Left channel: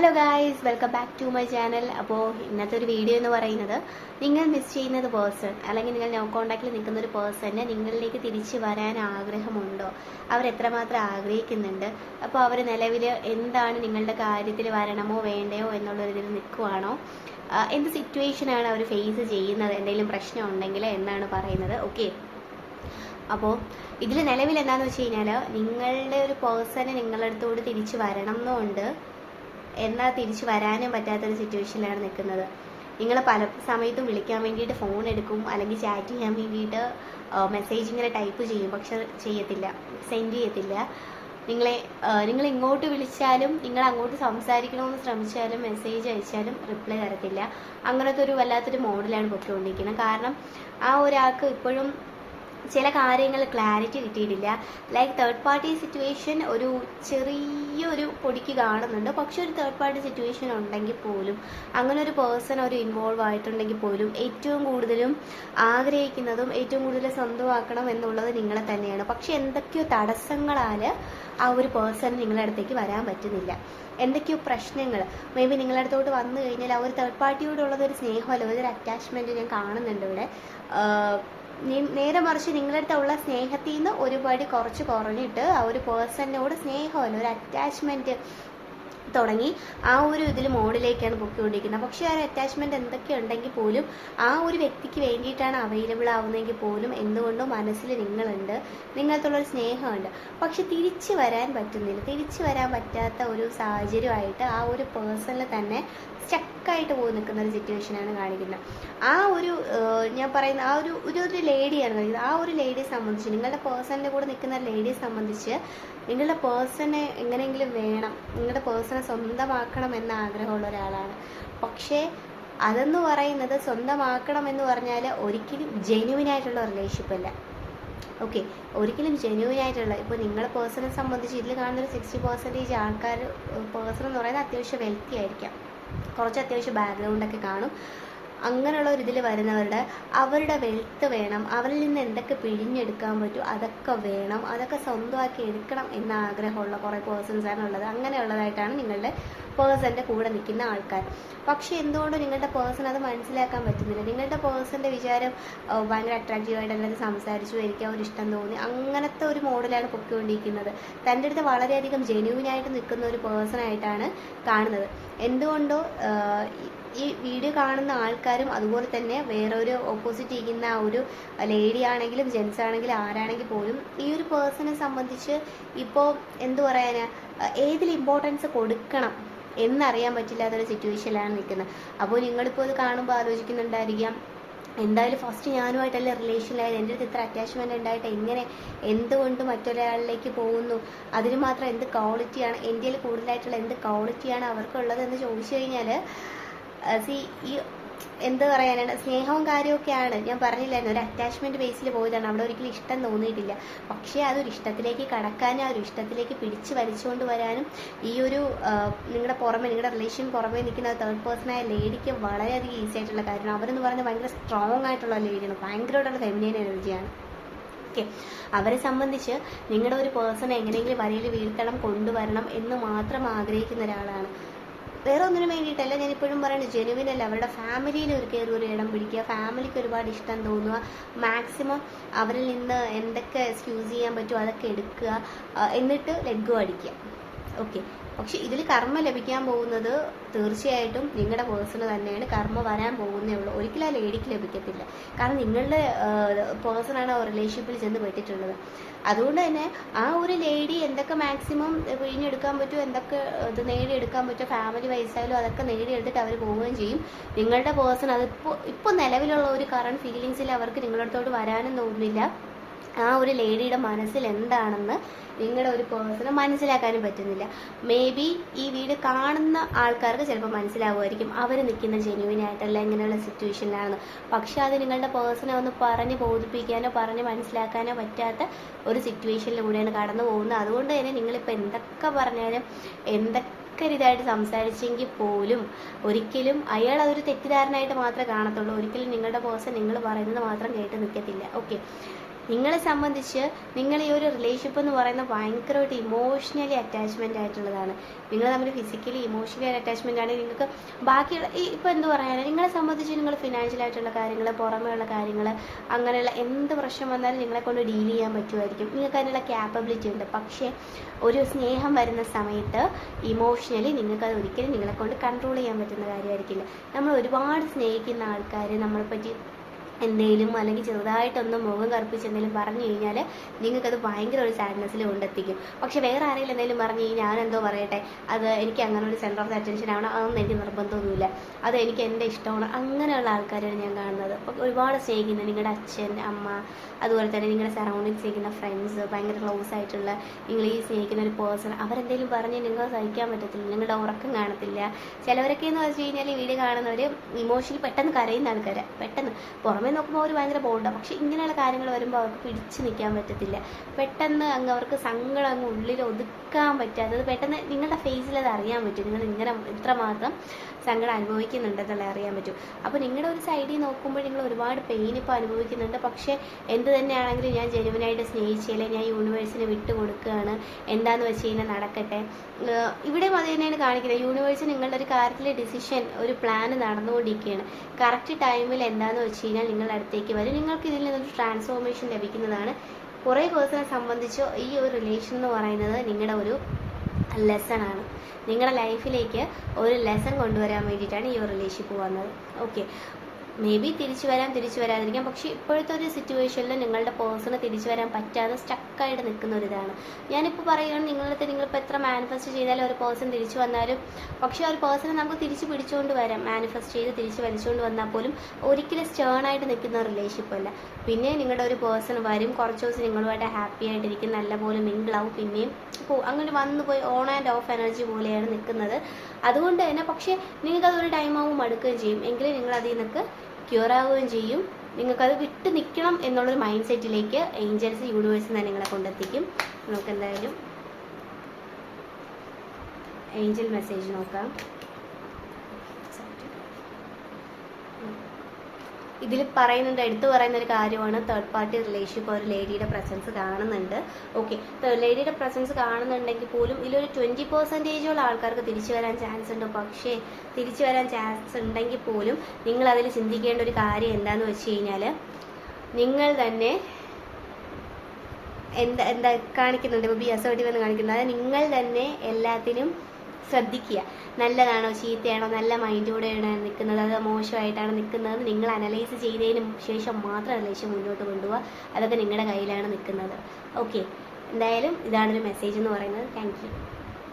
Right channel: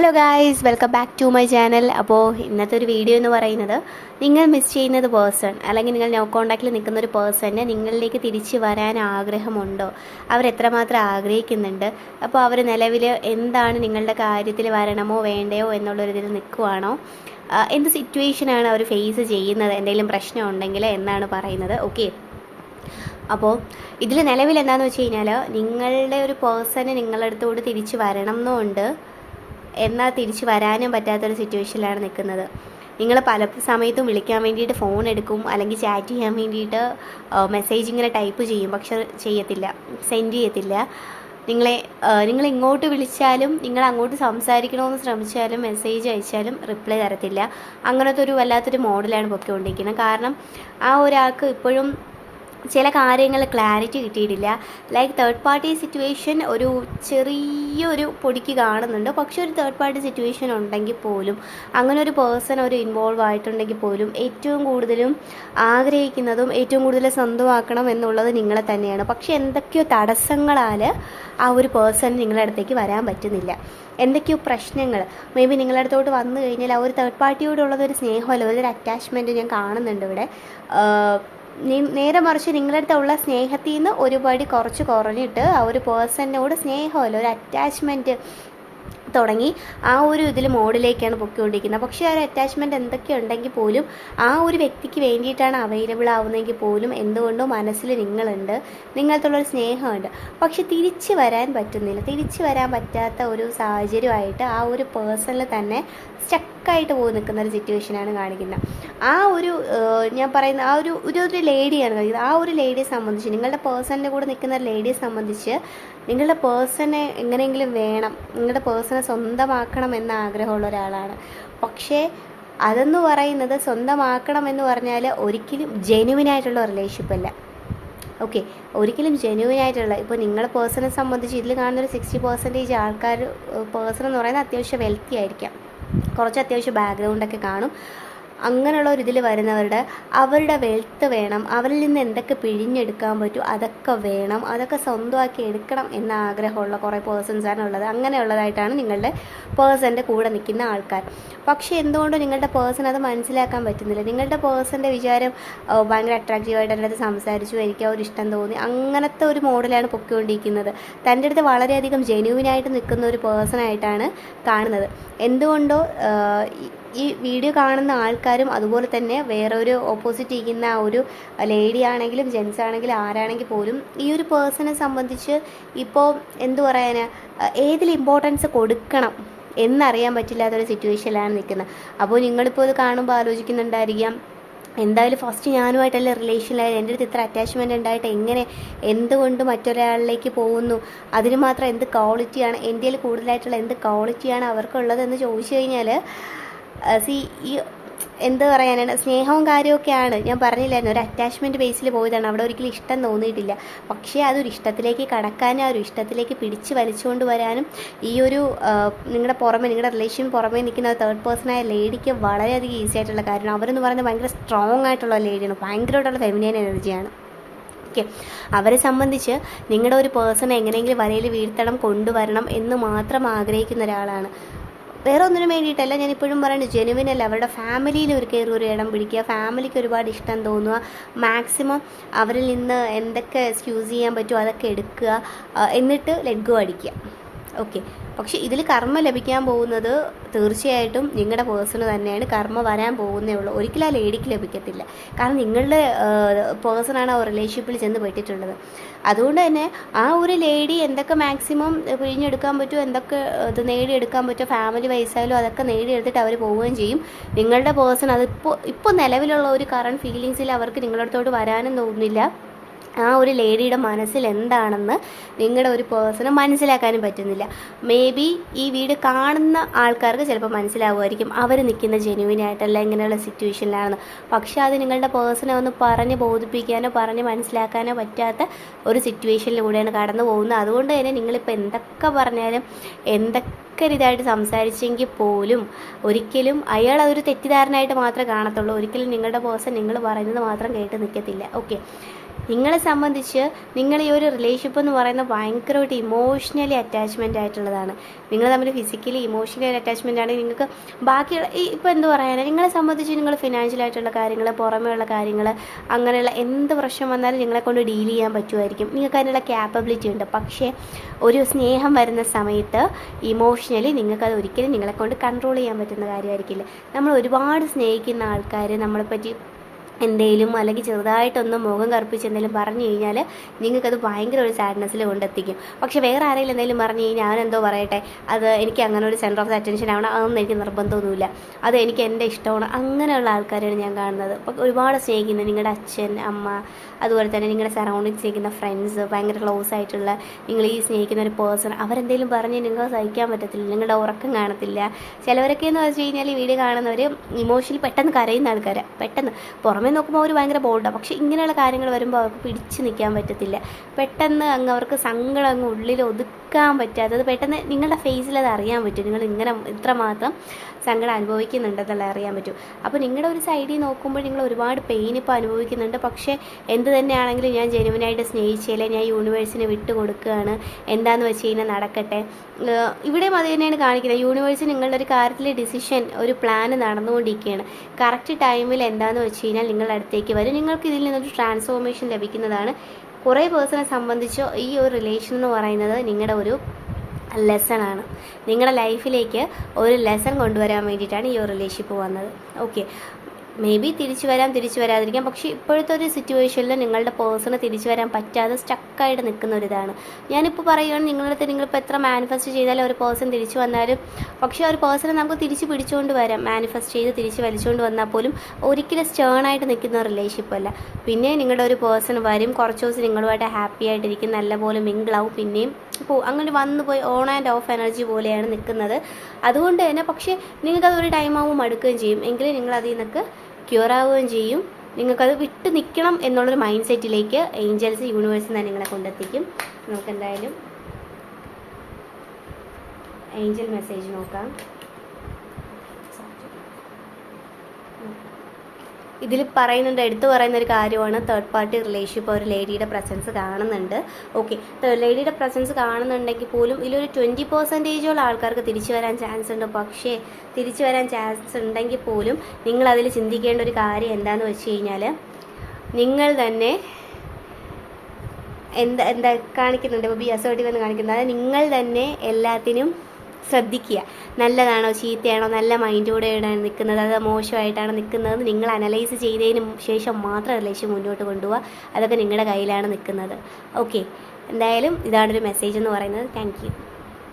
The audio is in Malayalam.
Hello guys welcome back to my channel അപ്പോൾ ഇന്നത്തെ ഒരു വീഡിയോ എന്ന് പറയുന്നത് നിങ്ങൾ മിസ് ചെയ്യുന്നത് പേഴ്സൺ അല്ലെങ്കിൽ നിങ്ങൾ നോ കോണ്ടാക്റ്റിൽ നിൽക്കുന്ന ഒരു പേഴ്സണിനെ നിങ്ങളിലേക്ക് തിരിച്ച് വരാൻ ആഗ്രഹമുണ്ടോ? അവരെത്രമാത്രം ആഗ്രഹിക്കുന്നുണ്ട്? അപ്പോൾ അവർ നിലവിൽ എന്താണ് നിങ്ങളുടെ കാര്യത്തിൽ വരണമോ വേണ്ടയോ എന്നുള്ളൊരിതിൽ നിൽക്കുവാണോ? എന്ത് സിറ്റുവേഷനാണ് അവർ ഫേസ് ചെയ്യുന്നത്? എന്തെങ്കിലും പ്രശ്നം ഉണ്ടെങ്കിൽ എന്നാണ് പറയുന്നത്. ഓക്കെ അപ്പോൾ ഇതിൽ നിലവിൽ എന്താണെന്ന് വെച്ച് കഴിഞ്ഞാൽ നിങ്ങളുടെ ഒരു പേഴ്സണ് നിങ്ങളടുത്തോട് തിരിച്ച് വരണം എന്നുണ്ട്. എന്നാൽ തിരിച്ച് വരാനും പറ്റാത്തൊരു സിറ്റുവേഷനിലാണ് നിൽക്കുന്നത്. നിങ്ങൾ പല സമയത്തും വിളിക്കാൻ വേണ്ടിയിട്ട് ഫോൺ എടുക്കും അല്ലെങ്കിൽ ചാറ്റ് ചെയ്യാൻ വേണ്ടിയിട്ട് മെസ്സേജ് ഇങ്ങനെ ടൈപ്പ് ചെയ്യും. പക്ഷെ ചെയ്യത്തില്ല. സെൻഡ് ചെയ്യത്തില്ല. നിങ്ങളെ നിങ്ങൾ ഇങ്ങോട്ട് വിളിച്ചാലും നിങ്ങൾ അങ്ങോട്ട് സംസാരിക്കണമെന്ന് ശ്രമിച്ചാലും മെസ്സേജ് അയച്ചാലും റിപ്ലൈ തരത്തില്ല. അങ്ങനത്തെ ഒരു വല്ലാത്തൊരു മോഡലാണ് പൊയ്ക്കൊണ്ടിരിക്കുന്നത്. കാരണം ആ ഒരാൾക്ക് ഇപ്പോഴും ചില കാര്യങ്ങൾ ക്ലാരിറ്റി കിട്ടിയിട്ടില്ല. ലൈക്ക് തേർഡ് പാർട്ടി സിറ്റുവേഷൻ ഒരു ചെറിയൊരു പൊടിക്ക് കാണുന്നുണ്ട്. പക്ഷെ ഒരു തേർഡ് പാർട്ടി സിറ്റുവേഷൻ ഉണ്ടെങ്കിൽ പോലും അങ്ങനെ ഒരു പേഴ്സൺ ഒരു ഇൻവോൾവ് ആയിട്ടുണ്ടെങ്കിൽ പോലും ഏറ്റവും കൂടുതലും ആഗ്രഹിക്കുന്നതും ഏറ്റവും കൂടുതൽ സ്വന്തമാക്കണം എന്നുള്ളത് നിങ്ങളെ തന്നെയാണ്. പക്ഷെ എന്തൊക്കെയോ തടസ്സങ്ങളാൽ ആ ഒരു പേഴ്സൺ നിങ്ങളുടെ അടുത്തേക്ക് വരാൻ പറ്റുന്നില്ല. എന്തൊക്കെയോ പ്രശ്നങ്ങൾ. മേ ബി നിങ്ങളുടെ അടുത്തോട്ട് വന്നു കഴിഞ്ഞാൽ ആ ഒരു തേർഡ് പാർട്ടിയോടുള്ളത് ഒരു സ്നേഹമല്ല ഒരു അറ്റാച്ച്മെന്റ് ഞാൻ കാണുന്നുണ്ട് ഇവിടെ. നേരെ മറിച്ച് നിങ്ങളുടെ അടുത്തുള്ള സ്നേഹത്തിൽ നിന്ന് ഒരുപാട് കുറച്ച് കുറഞ്ഞിട്ട് ആ ഒരു പേഴ്സണിനോട് സ്നേഹമല്ല ഒരു അറ്റാച്ച്മെന്റ് തുടങ്ങി ആ ഒരു ഇതിൽ മോഡിലേക്കാണ് പൊക്കിക്കൊണ്ടിരിക്കുന്നത് പക്ഷേ ആ ഒരു അറ്റാച്ച്മെന്റ് എന്തൊക്കെ ഉണ്ടെങ്കിൽ പോലും ആ ഒരു വ്യക്തിക്ക് വേണ്ടിയിട്ടാണ് അവൈലബിൾ ആവുന്നതെങ്കിൽ പോലും എന്തുകൊണ്ടോ മനസ്സിൽ നിങ്ങളുണ്ട്. നിങ്ങൾക്കുള്ളൊരു സ്നേഹമുണ്ട്. പക്ഷെ തിരിച്ചു വരാൻ പറ്റുന്നില്ല. തിരിച്ചു വരാൻ പറ്റാത്ത ഒരു സാഹചര്യമായിട്ട് ആ ഒരു പേഴ്സണിൽ തന്നെ സ്റ്റക്കായിട്ട് പോയി നിൽക്കുന്ന ഒരു സിറ്റുവേഷനാണ് കാണിക്കുന്നത്. ആ ഒരു ഞാൻ പറയുന്ന ആ ഒരു ഒരു ഒരു ലേഡിയാണ് കാണിക്കുന്നത്. ആ ഒരു ലേഡിയെ സംബന്ധിച്ച് നിങ്ങളുടെ പേഴ്സണിന്റെ കൂടെ നിൽക്കുന്ന ഒരു ലേഡിയെ സംബന്ധിച്ച് നിങ്ങളുടെ പേഴ്സണെ എങ്ങനെയെങ്കിലും വേണം നിങ്ങളുടെ പേഴ്സണെ സ്വന്തമാക്കണം എന്ന ആഗ്രഹമുള്ള ഒരാളാണ്. പക്ഷേ അതെന്ന് പറയുന്നത് സ്വന്തമാക്കണം എന്ന് പറഞ്ഞാൽ ഒരിക്കലും ജെനുവിനായിട്ടുള്ള റിലേഷൻഷിപ്പ് അല്ല. ഓക്കെ ഒരിക്കലും ജെന്യൂൻ ആയിട്ടുള്ള ഇപ്പോൾ നിങ്ങളുടെ പേഴ്സണെ സംബന്ധിച്ച് ഇതിൽ കാണുന്ന ഒരു സിക്സ്റ്റി പെർസെന്റേജ് ആൾക്കാർ പേഴ്സൺ എന്ന് പറയുന്നത് അത്യാവശ്യം വെൽത്തി ആയിരിക്കാം. കുറച്ച് അത്യാവശ്യം ബാക്ക്ഗ്രൗണ്ടൊക്കെ കാണും. അങ്ങനെയുള്ള ഒരു ഇതിൽ വരുന്നവരുടെ അവരുടെ വെൽത്ത് വേണം അവരിൽ നിന്ന് എന്തൊക്കെ പിഴിഞ്ഞെടുക്കാൻ പറ്റും അതൊക്കെ വേണം അതൊക്കെ സ്വന്തമാക്കി എടുക്കണം എന്ന ആഗ്രഹമുള്ള കുറേ പേഴ്സൺസാണ് ഉള്ളത്. അങ്ങനെയുള്ളതായിട്ടാണ് നിങ്ങളുടെ പേഴ്സന്റെ കൂടെ നിൽക്കുന്ന ആൾക്കാർ. പക്ഷേ എന്തുകൊണ്ട് നിങ്ങളുടെ പേഴ്സൺ അത് മനസ്സിലാക്കാൻ പറ്റുന്നില്ല? നിങ്ങളുടെ പേഴ്സന്റെ വിചാരം ഭയങ്കര അട്രാക്റ്റീവായിട്ട് അല്ലാതെ സംസാരിച്ചു എനിക്ക് ഒരു ഇഷ്ടം തോന്നി അങ്ങനത്തെ ഒരു മോഡലാണ് പൊക്കിക്കൊണ്ടിരിക്കുന്നത്. തന്റെ അടുത്ത് വളരെയധികം ജെന്യൂനായിട്ട് നിൽക്കുന്ന ഒരു പേഴ്സണായിട്ടാണ് കാണുന്നത്. എന്തുകൊണ്ടോ ഈ- വീഡിയോ കാണുന്ന ആൾക്കാരും അതുപോലെ തന്നെ വേറൊരു ഓപ്പോസിറ്റ് ഇരിക്കുന്ന ഒരു ലേഡി ആണെങ്കിലും ജെൻസ് ആണെങ്കിലും ആരാണെങ്കിൽ പോലും ഈ ഒരു പേഴ്സണെ സംബന്ധിച്ച് ഇപ്പോൾ എന്തു പറയാന് ഏതിൽ ഇമ്പോർട്ടൻസ് കൊടുക്കണം എന്നറിയാൻ പറ്റില്ലാത്തൊരു സിറ്റുവേഷനിലാണ് നിൽക്കുന്നത്. അപ്പോൾ നിങ്ങളിപ്പോൾ ഇത് കാണുമ്പോൾ ആലോചിക്കുന്നുണ്ടായിരിക്കാം എന്തായാലും ഫസ്റ്റ് ഞാനുമായിട്ടല്ല റിലേഷനിലായത് എന്റെ അടുത്ത് ഇത്ര അറ്റാച്ച്മെന്റ് ഉണ്ടായിട്ട് എങ്ങനെ എന്തുകൊണ്ട് മറ്റൊരാളിലേക്ക് പോകുന്നു അതിന് മാത്രം എന്ത് ക്വാളിറ്റിയാണ് ഇന്ത്യയിൽ കൂടുതലായിട്ടുള്ള എന്ത് ക്വാളിറ്റിയാണ് അവർക്കുള്ളതെന്ന് ചോദിച്ചു കഴിഞ്ഞാൽ സി ഈ എന്ത് പറയാനാണ് സ്നേഹവും കാര്യമൊക്കെയാണ് ഞാൻ പറഞ്ഞില്ലായിരുന്നു ഒരു അറ്റാച്ച്മെന്റ് ബേസിൽ പോയതാണ്. അവിടെ ഒരിക്കലും ഇഷ്ടം തോന്നിയിട്ടില്ല. പക്ഷേ അതൊരു ഇഷ്ടത്തിലേക്ക് കടക്കാനും ഒരു ഇഷ്ടത്തിലേക്ക് പിടിച്ച് വലിച്ചുകൊണ്ട് വരാനും ഈ ഒരു നിങ്ങളുടെ പുറമെ നിങ്ങളുടെ റിലേഷൻ പുറമെ നിൽക്കുന്ന തേർഡ് പേഴ്സണായ ലേഡിക്ക് വളരെയധികം ഈസി ആയിട്ടുള്ള കാര്യമാണ് അവരെന്ന് പറയുന്നത് ഭയങ്കര സ്ട്രോങ് ആയിട്ടുള്ള ലേഡിയാണ് ഭയങ്കരമായിട്ടുള്ള ഫെമിനിയൻ എനർജിയാണ് ഓക്കെ അവരെ സംബന്ധിച്ച് നിങ്ങളുടെ ഒരു പേഴ്സൺ എങ്ങനെയെങ്കിലും വലയിൽ വീഴ്ത്തണം കൊണ്ടുവരണം എന്ന് മാത്രം ആഗ്രഹിക്കുന്ന ഒരാളാണ്. വേറെ ഒന്നിനും വേണ്ടിയിട്ടല്ല ഞാൻ ഇപ്പോഴും പറയുന്നത് ജെനുവിനല്ല അവരുടെ ഫാമിലിയിൽ ഒരു കയറി ഒരു ഇടം പിടിക്കുക ഫാമിലിക്ക് ഒരുപാട് ഇഷ്ടം തോന്നുക മാക്സിമം അവരിൽ നിന്ന് എന്തൊക്കെ എക്സ്ക്യൂസ് ചെയ്യാൻ പറ്റുമോ അതൊക്കെ എടുക്കുക എന്നിട്ട് ലെഗ് അടിക്കുക. ഓക്കെ പക്ഷെ ഇതിൽ കർമ്മ ലഭിക്കാൻ പോകുന്നത് തീർച്ചയായിട്ടും നിങ്ങളുടെ പേഴ്സണ് തന്നെയാണ്. കർമ്മ വരാൻ പോകുന്നേ ഉള്ളൂ. ഒരിക്കലും ആ ലേഡിക്ക് ലഭിക്കത്തില്ല. കാരണം നിങ്ങളുടെ പേഴ്സണാണ് ആ റിലേഷൻഷിപ്പിൽ ചെന്ന് പെട്ടിട്ടുള്ളത്. അതുകൊണ്ട് തന്നെ ആ ഒരു ലേഡി എന്തൊക്കെ മാക്സിമം പിഴിഞ്ഞെടുക്കാൻ പറ്റുമോ എന്തൊക്കെ ഇത് നേടിയെടുക്കാൻ പറ്റുമോ ഫാമിലി വയസ്സായാലും അതൊക്കെ നേടിയെടുത്തിട്ട് അവർ പോവുകയും ചെയ്യും. നിങ്ങളുടെ പേഴ്സൺ അതിപ്പോൾ ഇപ്പോൾ നിലവിലുള്ള ഒരു കറണ്ട് ഫീലിങ്സിൽ അവർക്ക് നിങ്ങളടുത്തോട്ട് വരാനും തോന്നുന്നില്ല. ആ ഒരു ലേഡിയുടെ മനസ്സിൽ എന്താണെന്ന് നിങ്ങളുടെ ഒരു പേഴ്സണ് മനസ്സിലാക്കാനും പറ്റുന്നില്ല. മേ ബി ഈ വീട് കാണുന്ന ആൾക്കാർക്ക് ചിലപ്പോൾ മനസ്സിലാവുമായിരിക്കും. അവർ നിൽക്കുന്ന ജെന്യൂൻ ആയിട്ടല്ല ഇങ്ങനെയുള്ള സിറ്റുവേഷനിലാണ് പക്ഷേ അത് നിങ്ങളുടെ പേഴ്സണെ ഒന്ന് പറഞ്ഞ് ബോധിപ്പിക്കാനോ പറഞ്ഞ് മനസ്സിലാക്കാനോ പറ്റാത്ത ഒരു സിറ്റുവേഷനിലൂടെയാണ് കടന്നു പോകുന്നത്. അതുകൊണ്ട് തന്നെ നിങ്ങളിപ്പോൾ എന്തൊക്കെ പറഞ്ഞാലും എന്തൊക്കെ ഇതായിട്ട് സംസാരിച്ചെങ്കിൽ പോലും ഒരിക്കലും അയാൾ അതൊരു തെറ്റിദ്ധാരണയായിട്ട് മാത്രമേ കാണത്തുള്ളൂ. ഒരിക്കലും നിങ്ങളുടെ പേഴ്സൺ നിങ്ങൾ പറയുന്നത് മാത്രം കേട്ട് നിൽക്കത്തില്ല. ഓക്കെ നിങ്ങളെ സംബന്ധിച്ച് നിങ്ങൾ ഈ ഒരു റിലേഷൻഷിപ്പ് എന്ന് പറയുന്നത് ഭയങ്കരമായിട്ട് ഇമോഷണലി അറ്റാച്ച്മെന്റ് ആയിട്ടുള്ളതാണ്. നിങ്ങൾ തമ്മിൽ ഫിസിക്കലി ഇമോഷണലി ഒരു അറ്റാച്ച്മെന്റ് ആണെങ്കിൽ നിങ്ങൾക്ക് ബാക്കിയുള്ള ഇപ്പോൾ എന്ത് പറയാനാണ് നിങ്ങളെ സംബന്ധിച്ച് നിങ്ങൾ ഫിനാൻഷ്യൽ ആയിട്ടുള്ള കാര്യങ്ങൾ പുറമെയുള്ള കാര്യങ്ങൾ അങ്ങനെയുള്ള എന്ത് പ്രശ്നം വന്നാലും നിങ്ങളെ കൊണ്ട് ഡീൽ ചെയ്യാൻ പറ്റുമായിരിക്കും. നിങ്ങൾക്ക് അതിനുള്ള ക്യാപ്പബിലിറ്റി ഉണ്ട്. പക്ഷേ ഒരു സ്നേഹം വരുന്ന സമയത്ത് ഇമോഷണലി നിങ്ങൾക്കത് ഒരിക്കലും നിങ്ങളെ കൊണ്ട് കൺട്രോൾ ചെയ്യാൻ പറ്റുന്ന കാര്യമായിരിക്കില്ല. നമ്മൾ ഒരുപാട് സ്നേഹിക്കുന്ന ആൾക്കാർ നമ്മളെപ്പറ്റി എന്തെങ്കിലും അല്ലെങ്കിൽ ചെറുതായിട്ടൊന്ന് മുഖം കറുപ്പിച്ച് എന്തെങ്കിലും പറഞ്ഞു കഴിഞ്ഞാൽ നിങ്ങൾക്കത് ഭയങ്കര ഒരു സാഡ്നെസ്സിൽ കൊണ്ടെത്തിക്കും. പക്ഷേ വേറെ ആരെങ്കിലും എന്തെങ്കിലും പറഞ്ഞു കഴിഞ്ഞാൽ അവനെന്തോ പറയട്ടെ അത് എനിക്ക് അങ്ങനെ ഒരു സെന്റർ ഓഫ് അറ്റൻഷൻ ആവണം അതൊന്നും എനിക്ക് നിർബന്ധമൊന്നുമില്ല. അത് എനിക്ക് എന്റെ ഇഷ്ടമാണ്. അങ്ങനെയുള്ള ആൾക്കാരാണ് ഞാൻ കാണുന്നത്. അപ്പോൾ ഒരുപാട് സ്നേഹിക്കുന്നത് നിങ്ങളുടെ അച്ഛൻ അമ്മ അതുപോലെ തന്നെ നിങ്ങളുടെ സറൗണ്ടിങ് സ്നേഹിക്കുന്ന ഫ്രണ്ട്സ് ഭയങ്കര ക്ലോസ് ആയിട്ടുള്ള നിങ്ങൾ ഈ സ്നേഹിക്കുന്ന ഒരു പേഴ്സൺ അവരെന്തെങ്കിലും പറഞ്ഞ് നിങ്ങൾ സഹിക്കാൻ പറ്റത്തില്ല നിങ്ങളുടെ ഉറക്കം കാണത്തില്ല. ചിലവരൊക്കെ എന്ന് വെച്ച് കഴിഞ്ഞാൽ ഈ വീഡിയോ കാണുന്നവർ ഇമോഷണലി പെട്ടെന്ന് കരയുന്ന ആൾക്കാരാണ് പെട്ടെന്ന്. പുറമേ നോക്കുമ്പോൾ അവർ ഭയങ്കര ബോൾഡാണ് പക്ഷേ ഇങ്ങനെയുള്ള കാര്യങ്ങൾ വരുമ്പോൾ അവർക്ക് പിടിച്ചു നിൽക്കാൻ പറ്റത്തില്ല. പെട്ടെന്ന് അങ്ങ് അവർക്ക് സങ്കടം അങ്ങ് ഉള്ളിൽ ഒതുക്കാൻ പറ്റാത്തത് പെട്ടെന്ന് നിങ്ങളുടെ ഫേസിൽ അത് അറിയാൻ പറ്റും. നിങ്ങൾ ഇങ്ങനെ ഇത്രമാത്രം സങ്കടം അനുഭവിക്കുന്നുണ്ടെന്നുള്ള അറിയാൻ പറ്റും. അപ്പോൾ നിങ്ങളുടെ ഒരു സൈഡിൽ നോക്കുമ്പോൾ നിങ്ങൾ ഒരുപാട് പെയിൻ ഇപ്പോൾ അനുഭവിക്കുന്നുണ്ട്. പക്ഷേ എന്ത് തന്നെയാണെങ്കിലും ഞാൻ ജെനുവിനായിട്ട് സ്നേഹിച്ചാലേ ഞാൻ യൂണിവേഴ്സിനെ വിട്ടു കൊടുക്കുകയാണ്. എന്താന്ന് വെച്ച് കഴിഞ്ഞാൽ നടക്കട്ടെ. ഇവിടെയും അത് തന്നെയാണ് കാണിക്കുന്നത്. യൂണിവേഴ്സ് നിങ്ങളുടെ ഒരു കാര്യത്തിലെ ഡിസിഷൻ ഒരു പ്ലാൻ നടന്നുകൊണ്ടിരിക്കുകയാണ്. കറക്റ്റ് ടൈമിൽ എന്താണെന്ന് വെച്ച് കഴിഞ്ഞാൽ നിങ്ങളുടെ അടുത്തേക്ക് വരും. നിങ്ങൾക്ക് ഇതിൽ നിന്നൊരു ട്രാൻസ്ഫോർമേഷൻ ലഭിക്കുന്നതാണ്. കുറേ പേഴ്സണെ സംബന്ധിച്ചോ ഈ ഒരു റിലേഷൻ എന്ന് പറയുന്നത് നിങ്ങളുടെ ഒരു ലെസൺ ആണ്. നിങ്ങളുടെ ലൈഫിലേക്ക് ഒരു ലെസൺ കൊണ്ടുവരാൻ വേണ്ടിയിട്ടാണ് ഈ ഒരു റിലേഷൻഷിപ്പ് വന്നത്. ഓക്കെ മേ ബി തിരിച്ചു വരാം തിരിച്ചു വരാതിരിക്കാം. പക്ഷേ ഇപ്പോഴത്തെ ഒരു സിറ്റുവേഷനിൽ നിങ്ങളുടെ പേഴ്സണ് തിരിച്ചു വരാൻ പറ്റാതെ സ്റ്റക്കായിട്ട് നിൽക്കുന്ന ഒരു ഞാനിപ്പോൾ പറയുകയാണ് നിങ്ങളുടെ അടുത്ത് നിങ്ങളിപ്പോൾ എത്ര മാനിഫെസ്റ്റ് ചെയ്താലും ഒരു പേഴ്സൺ തിരിച്ചു വന്നാലും പക്ഷേ ഒരു പേഴ്സണെ നമുക്ക് തിരിച്ചു പിടിച്ചുകൊണ്ട് വരാം. മാനിഫെസ്റ്റ് ചെയ്ത് തിരിച്ച് വലിച്ചുകൊണ്ട് വന്നാൽ പോലും ഒരിക്കലും സ്റ്റേൺ ആയിട്ട് നിൽക്കുന്ന റിലേഷൻഷിപ്പ് അല്ല. പിന്നെ നിങ്ങളുടെ ഒരു പേഴ്സൺ വരും കുറച്ച് ദിവസം നിങ്ങളുമായിട്ട് ഹാപ്പി ആയിട്ടിരിക്കും നല്ലപോലെ മിങ്കിളാവും പിന്നെയും പോകും അങ്ങനെ വന്നു പോയി ഓൺ ആൻഡ് ഓഫ് എനർജി പോലെയാണ് നിൽക്കുന്നത്. അതുകൊണ്ട് തന്നെ പക്ഷേ നിങ്ങൾക്കതൊരു ടൈം ആകുമ്പോൾ മടുക്കുകയും ചെയ്യും. എങ്കിലും നിങ്ങളതിൽ നിന്നൊക്കെ ക്യൂർ ആവുകയും ചെയ്യും. നിങ്ങൾക്കത് വിട്ട് നിൽക്കണം എന്നുള്ളൊരു മൈൻഡ് സെറ്റിലേക്ക് ഏഞ്ചൽസ് യൂണിവേഴ്സ് നിന്ന് നിങ്ങളെ കൊണ്ടെത്തിക്കും. നമുക്കെന്തായാലും ഏഞ്ചൽ മെസ്സേജ് നോക്കാം. ഇതിൽ പറയുന്നുണ്ട് എടുത്തു പറയുന്ന ഒരു കാര്യമാണ് തേർഡ് പാർട്ടി റിലേഷൻഷിപ്പ് ഒരു ലേഡിയുടെ പ്രസൻസ് കാണുന്നുണ്ട്. ഓക്കെ ലേഡിയുടെ പ്രസൻസ് കാണുന്നുണ്ടെങ്കിൽ പോലും ഇതിലൊരു ട്വന്റി പെർസെന്റേജോളം ആൾക്കാർക്ക് തിരിച്ചു വരാൻ ചാൻസ് ഉണ്ട്. പക്ഷേ തിരിച്ചു വരാൻ ചാൻസ് ഉണ്ടെങ്കിൽ പോലും നിങ്ങൾ അതിൽ ചിന്തിക്കേണ്ട ഒരു കാര്യം എന്താണെന്ന് വെച്ച് കഴിഞ്ഞാൽ നിങ്ങൾ തന്നെ എന്താ എന്താ കാണിക്കുന്നുണ്ട്? ബി അസോട്ടിക് എന്ന് കാണിക്കുന്നത് നിങ്ങൾ തന്നെ എല്ലാത്തിനും ശ്രദ്ധിക്കുക. നല്ലതാണോ ചീത്തയാണോ നല്ല മൈൻഡോടെയാണ് നിൽക്കുന്നത് അത് മോശമായിട്ടാണ് നിൽക്കുന്നത് നിങ്ങൾ അനലൈസ് ചെയ്തതിന് ശേഷം മാത്രം റിലേഷൻ മുന്നോട്ട് കൊണ്ടുപോകുക അതൊക്കെ നിങ്ങളുടെ കയ്യിലാണ് നിൽക്കുന്നത്. ഓക്കെ. എന്തായാലും ഇതാണൊരു മെസ്സേജ് എന്ന് പറയുന്നത്. താങ്ക്